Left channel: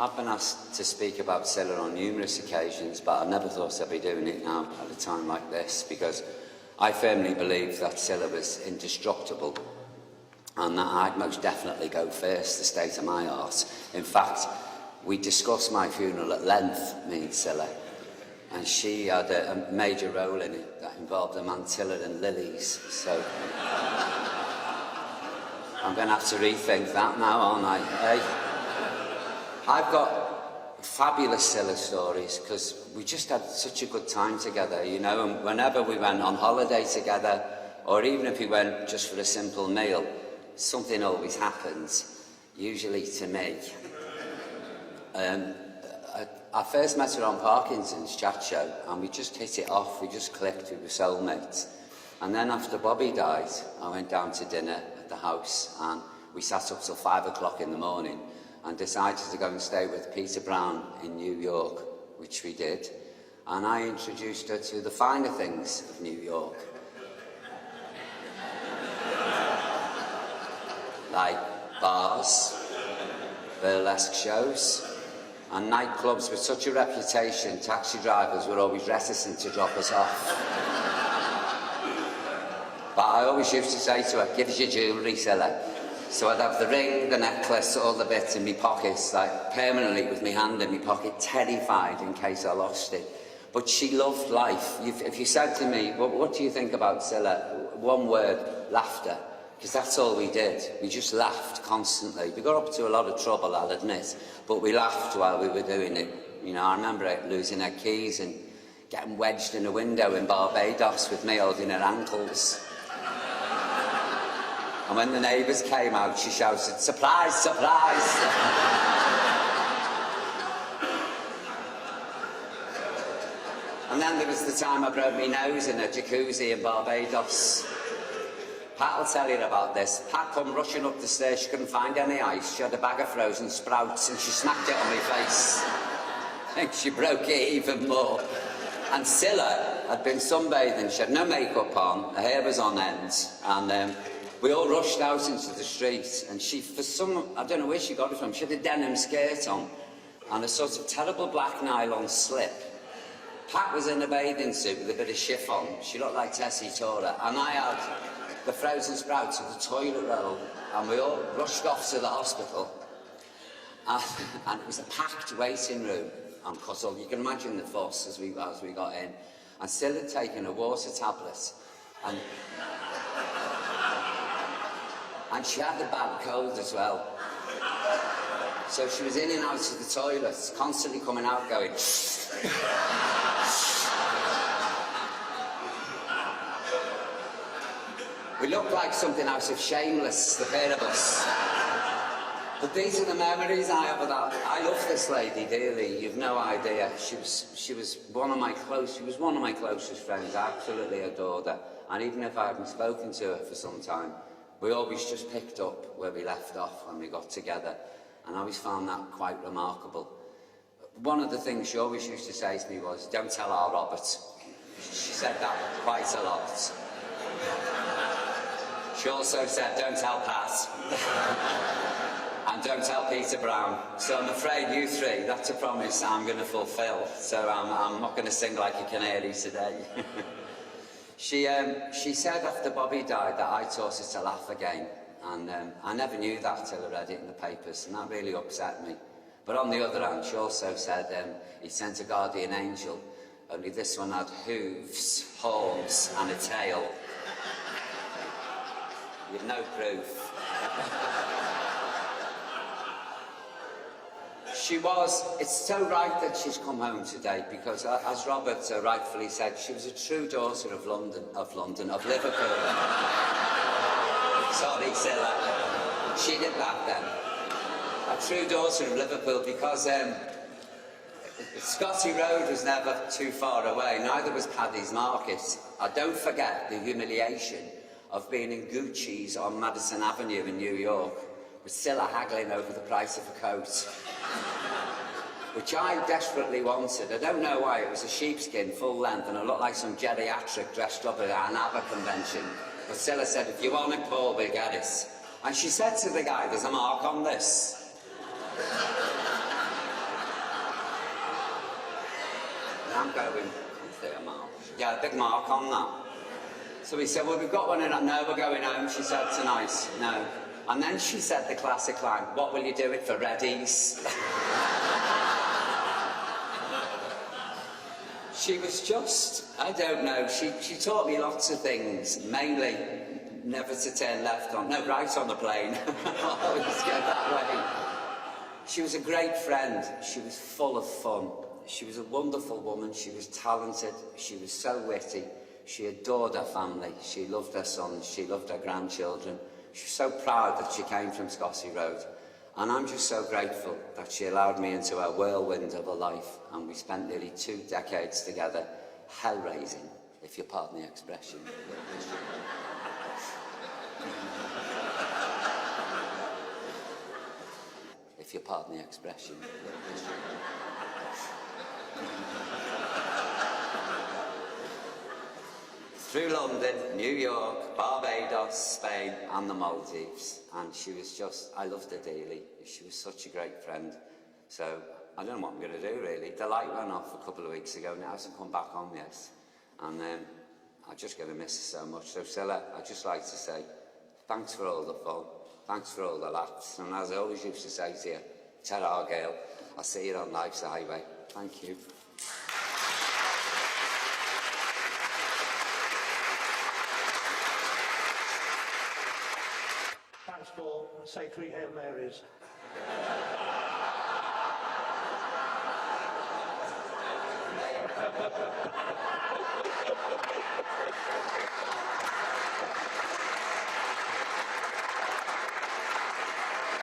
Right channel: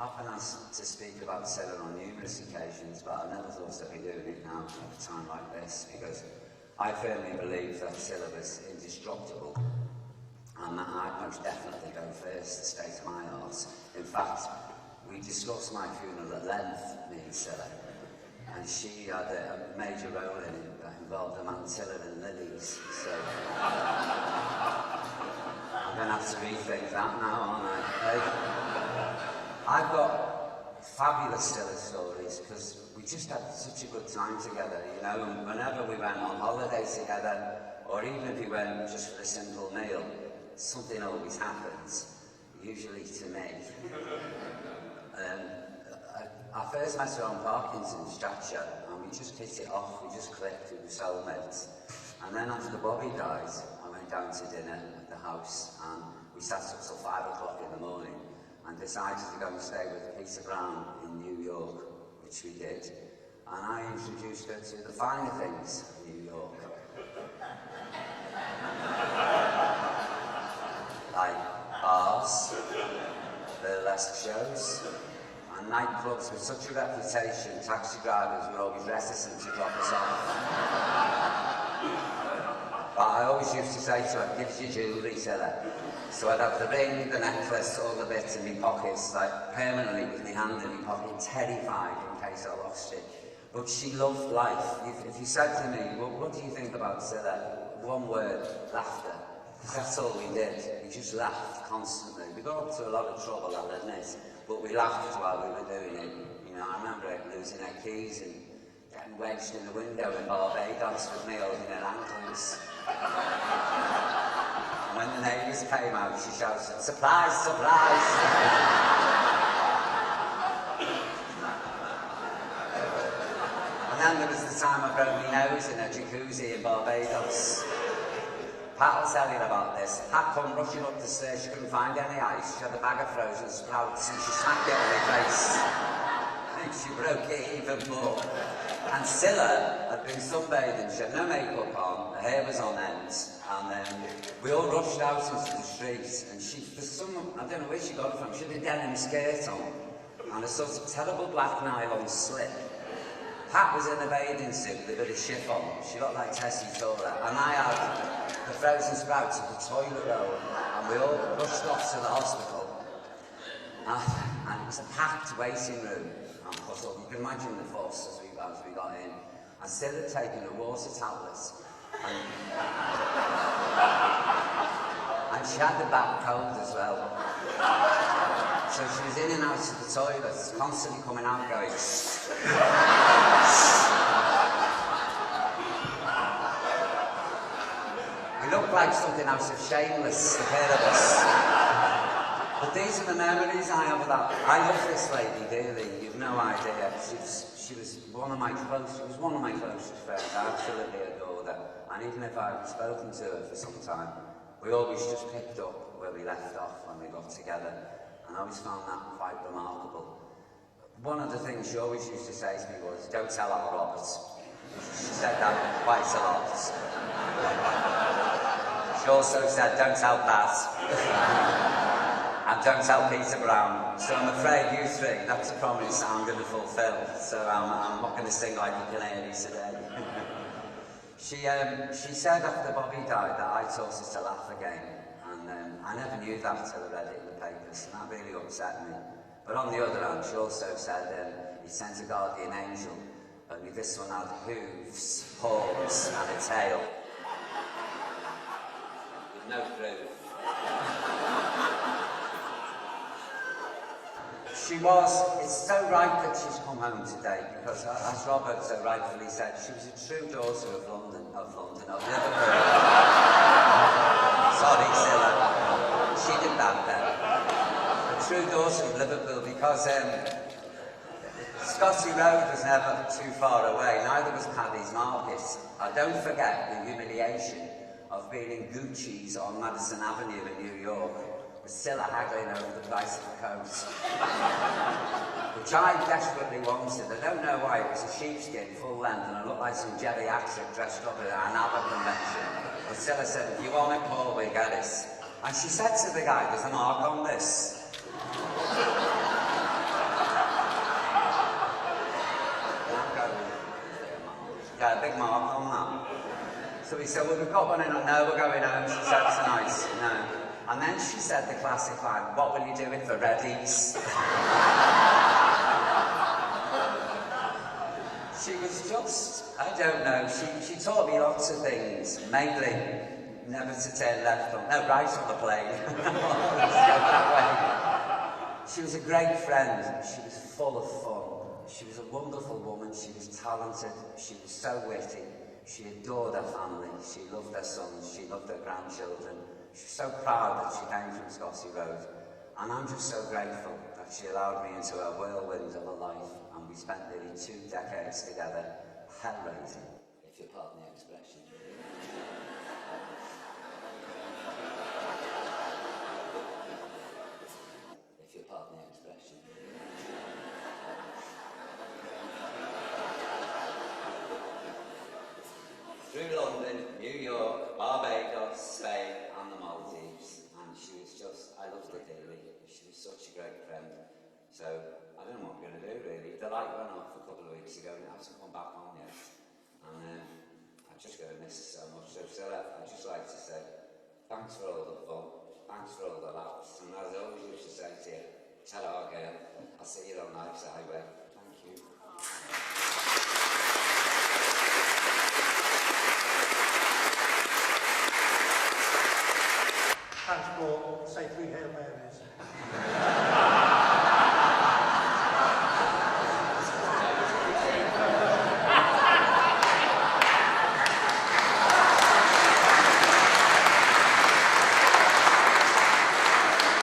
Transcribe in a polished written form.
I've been asked to speak about Cilla on numerous occasions, but I never thought I'd be doing it now at a time like this, because I firmly believe that Cilla was indestructible, and that I'd most definitely go first, the state of my art. In fact, we discussed my funeral at length, me and Cilla, and she had a major role in it that involved a mantilla and lilies, so I'm going to have to rethink that now, aren't I? Hey? I've got fabulous Cilla stories, because we just had such a good time together, you know, and whenever we went on holiday together, or even if we went just for a simple meal, something always happens, usually to me. I first met her on Parkinson's chat show, and we just hit it off, we just clicked, we were soulmates. And then after Bobby died, I went down to dinner at the house, and we sat up till 5 o'clock in the morning, and decided to go and stay with Peter Brown in New York, which we did. And I introduced her to the finer things of New York. Like bars, burlesque shows, and nightclubs with such a reputation, taxi drivers were always reticent to drop us off. But I always used to say to her, "Give us your jewellery, Cilla." So I'd have the ring, the necklace, all the bits in my pockets, like permanently with my hand in my pocket, terrified in case I lost it. But she loved life. If you said to me, what do you think about Cilla? One word, laughter. Because that's all we did. We just laughed constantly. We got up to a lot of trouble, I'll admit, but we laughed while we were doing it. You know, I remember losing her keys and getting wedged in a window in Barbados with me holding her ankles. And when the neighbours came out, she shouted, "Surprise, surprise!" And then there was the time I broke my nose in a jacuzzi in Barbados. Pat will tell you about this. Pat come rushing up the stairs, she couldn't find any ice. She had a bag of frozen sprouts and she smacked it on my face. And she broke it even more. And Cilla had been sunbathing, she had no makeup on, her hair was on end, and we all rushed out into the street, and she, for some, I don't know where she got it from, she had a denim skirt on, and a sort of terrible black nylon slip. Pat was in a bathing suit with a bit of chiffon, she looked like Tessie Tora, and I had the frozen sprouts of the toilet roll, and we all rushed off to the hospital, and it was a packed waiting room. Because you can imagine the fuss as we got in. And Cilla had taken a water tablet, and she had a bad cold as well. So she was in and out of the toilets, constantly coming out going, We looked like something out of Shameless, the pair of us. But these are the memories I have of that. I love this lady dearly. You've no idea. She was one of my closest friends. I absolutely adored her. And even if I hadn't spoken to her for some time, we always just picked up where we left off when we got together. And I always found that quite remarkable. One of the things she always used to say to me was, "Don't tell our Robert." She said that quite a lot. She also said, "Don't tell Pat." And don't tell Peter Brown. So I'm afraid you three, that's a promise I'm going to fulfil. So I'm not going to sing like a canary today. She said after Bobby died that I taught her to laugh again. And I never knew that till I read it in the papers, and that really upset me. But on the other hand, she also said he sent a guardian angel, only this one had hooves, horns, and a tail. You've no proof. It's so right that she's come home today, because as Robert so rightfully said, she was a true daughter of Liverpool. Sorry, Cilla. She did that then. A true daughter of Liverpool, because Scotty Road was never too far away, neither was Paddy's Market. I don't forget the humiliation of being in Gucci's on Madison Avenue in New York, with Cilla haggling over the price of a coat, which I desperately wanted. I don't know why. It was a sheepskin, full length, and I looked like some geriatric dressed up at an ABBA convention. But Cilla said, "If you want it, Paul, we'll get it." And she said to the guy, "There's a mark on this." I'm going, there, Mark. Yeah, a big mark on that. So we said, well, we've got one in, no, we're going home, she said tonight, no. And then she said the classic line, what will you do it for Reddies? She was just, I don't know, she taught me lots of things, mainly never to turn left on, no, right on the plane. Always go that way. She was a great friend, she was full of fun. She was a wonderful woman, she was talented, she was so witty. She adored her family, she loved her sons, she loved her grandchildren. She was so proud that she came from Scotsy Road. And I'm just so grateful that she allowed me into her whirlwind of a life, and we spent nearly 2 decades together, hell-raising, if you pardon the expression. If you pardon the expression. Through London, New York, Barbados, Spain and the Maldives. And she was just, I loved her dearly. She was such a great friend. So I don't know what I'm going to do really. The light went off a couple of weeks ago, now it hasn't come back on yet. And I'm just going to miss her so much. So Cilla, I'd just like to say thanks for all the fun, thanks for all the laughs. And as I always used to say to you, ta-ra girl, I'll see you on life's highway. Thank you. Thanks, Paul. Say 3 Hail Marys.